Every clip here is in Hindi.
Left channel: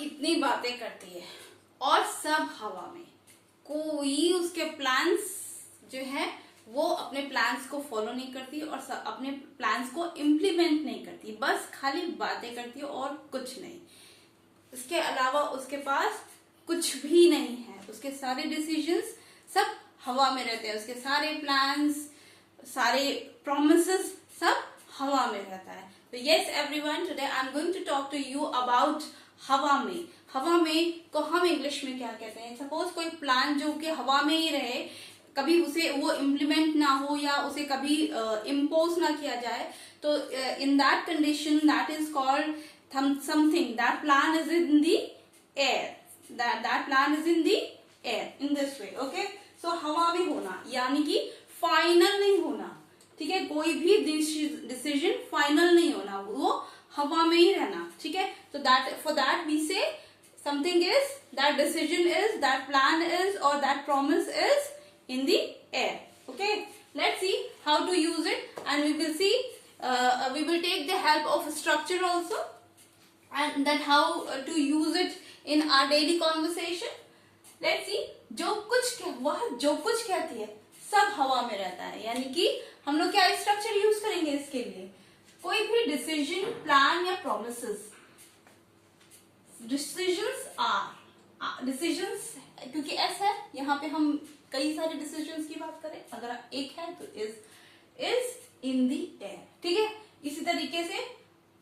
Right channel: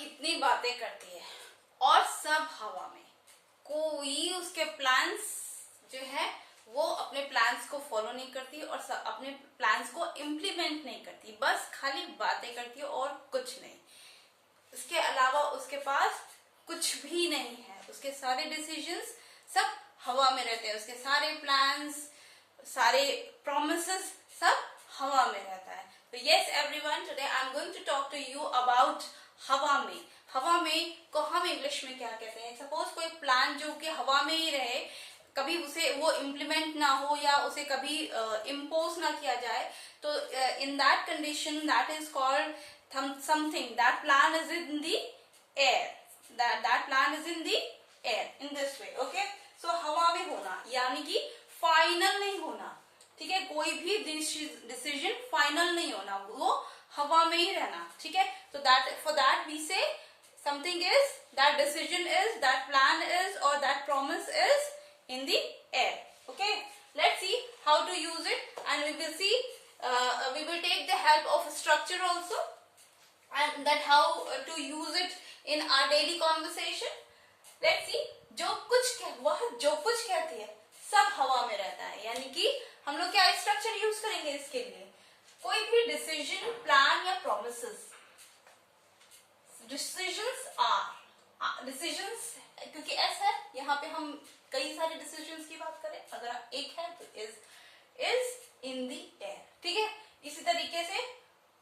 इतनी बातें करती है और सब हवा में, कोई उसके प्लान्स जो है वो अपने प्लान्स को फॉलो नहीं करती और अपने प्लान्स को इम्प्लीमेंट नहीं करती, बस खाली बातें करती है और कुछ नहीं। इसके अलावा उसके पास कुछ भी नहीं है। उसके सारे डिसीजंस सब हवा में रहते हैं, उसके सारे प्लान्स, सारे प्रोमिसेस सब हवा में रहता है। तो yes everyone, today I am going to talk to you about हवा में। हवा में को हम इंग्लिश में क्या कहते हैं? सपोज कोई प्लान जो कि हवा में ही रहे, कभी उसे वो इम्प्लीमेंट ना हो या उसे कभी इम्पोज ना किया जाए, तो in that condition that is called something, that plan is in the air, that plan is in the air in this way, okay? So हवा में होना यानी कि फाइनल नहीं होना, ठीक है? कोई भी डिसीजन फाइनल नहीं होना, वो हवा में ही रहना, ठीक है? तो that for that we say something is, that decision is, that plan is or that promise is in the air, okay? Let's see how to use it and we will see, we will take the help of structure also and that how to use it in our daily conversation. Let's see, वह जो कुछ कहती है सब हवा में रहता है, यानी कि हम लोग क्या स्ट्रक्चर यूज करेंगे इसके लिए? कोई भी डिसीजन, प्लान या प्रोमिसेस, डिसीजंस क्योंकि एस है यहाँ पे, हम कई सारे डिसीजंस की बात करें, अगर एक है तो इज इन दी एयर, ठीक है? इसी तरीके से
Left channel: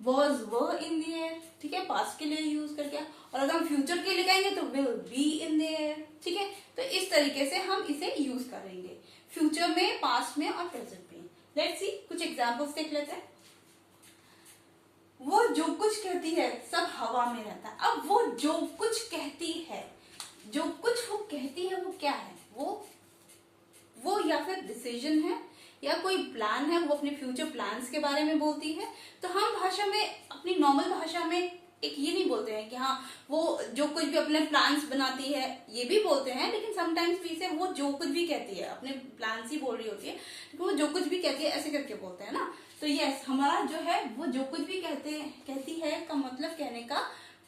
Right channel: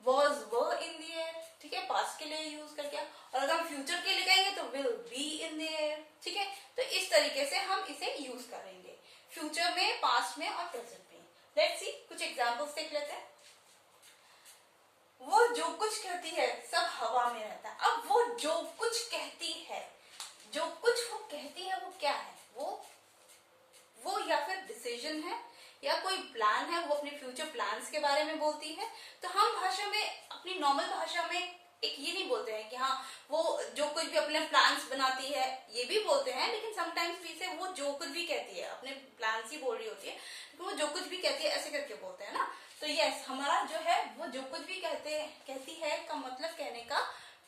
was were in the air, ठीक है, पास्ट के लिए यूज करके, और अगर हम फ्यूचर के लिए कहेंगे तो will be in the air, ठीक है? तो इस तरीके से हम इसे यूज करेंगे फ्यूचर में, पास्ट में और प्रेजेंट में। लेट्स सी, कुछ एग्जांपल्स देख लेते हैं। वो जो कुछ कहती है सब हवा में रहता है। अब वो जो कुछ कहती है, जो कुछ वो कहती है वो क्या है? वो या फिर डिसीजन है या कोई प्लान है, वो अपने फ्यूचर प्लान्स के बारे में बोलती है। तो हम भाषा में, अपनी नॉर्मल भाषा में एक ये नहीं बोलते हैं कि हाँ वो जो कुछ भी अपने प्लान्स बनाती है, ये भी बोलते हैं, लेकिन समटाइम्स भी से वो जो कुछ भी कहती है, अपने प्लान्स ही बोल रही होती है, तो वो जो कुछ भी कहती है ऐसे करके बोलते हैं ना। तो यस, हमारा जो है वो जो कुछ भी कहती है का मतलब कहने का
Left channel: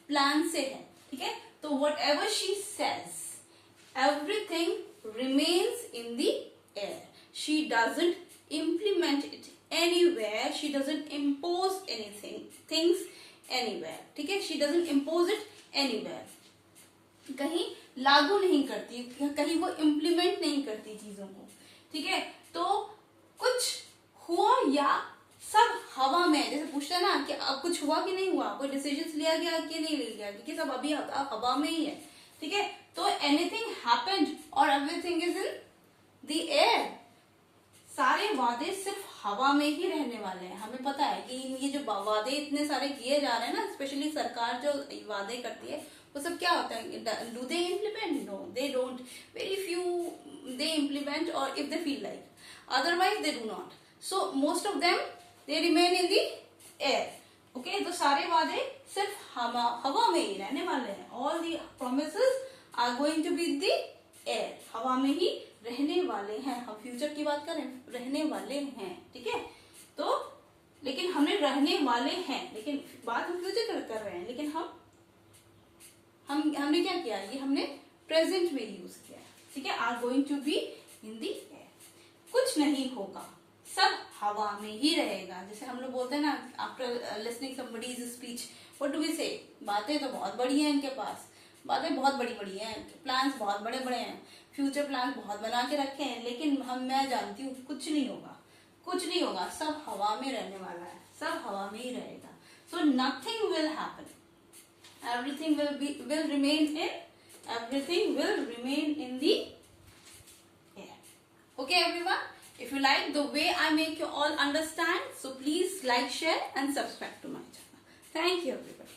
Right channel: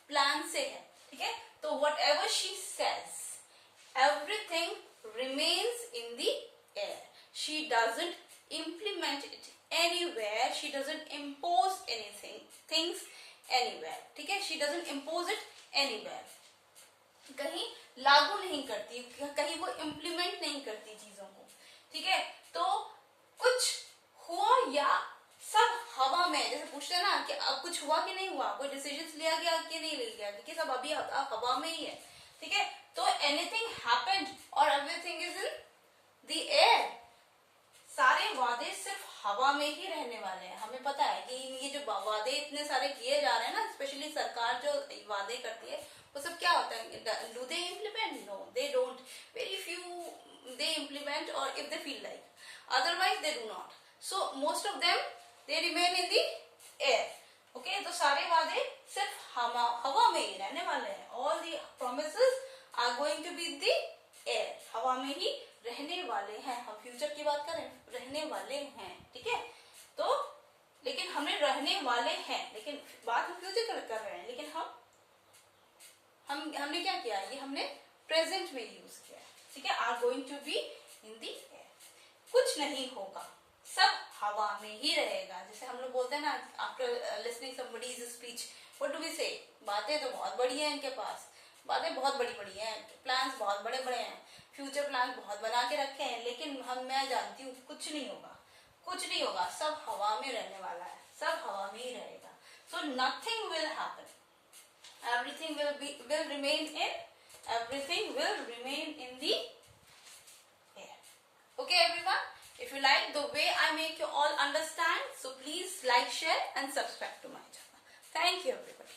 प्लान से है, ठीक है? तो what ever she says, everything remains in the air. She doesn't implement it anywhere. She doesn't impose things anywhere. ठीक है? She doesn't impose it anywhere. कहीं लागू नहीं करती, कहीं वो implement नहीं करती चीजों को, ठीक है? तो कुछ हुआ या सब हवा में, जैसे पूछते हैं ना कि अब कुछ हुआ कि नहीं हुआ, कोई डिसीजन लिया गया कि नहीं लिया गया, क्योंकि सब अभी हवा में ही है, ठीक है? तो एनीथिंग हैपेंड और everything is in the air. सारे वादे सिर्फ हवा में ही रहने वाले हैं। हमें पता है कि ये जो वादे इतने सारे किए जा रहे हैं ना, स्पेशली सरकार जो वादे करती है, वो सब क्या होता है? Do they implement? No, they don't. Very few they implement, और if they feel like, otherwise they do not. So most of them they remain in the air, okay? तो सारे वादे सिर्फ हवा में ही रहने वाले हैं। All the promises are going to be the air, हवा में ही रहने वाले हैं। हम फ्यूचर की बात करें, रहने वाले हैं, ठीक है? तो लेकिन हमें रहने वाले हैं, लेकिन बात हम फ्यूचर कर रहे हैं, लेकिन हमने क्या किया? ये हमने प्रेजेंट में यूज किया, ठीक है? Are going to be in the air. कुछ नहीं होगा, सब हवा में ही रहेगा। जैसे हम लोग बोलते हैं ना, after listening somebody's speech, what do we say? बातें तो बहुत बड़ी हैं इनके पास, बातें बहुत बड़ी बड़ी हैं, प्लान्स बहुत बड़े बड़े हैं, फ्यूचर प्लान बहुत बना के रखे हैं, लेकिन मैं जानती हूँ कुछ नहीं होगा, कुछ नहीं होगा, सब हवा में रहने वाला है, सब हवा में ही रहेगा। So nothing will happen, everything will remain in the air. Okay everyone, if you like the way I make you all understand, so please like, share and subscribe to my channel. Thank you everybody.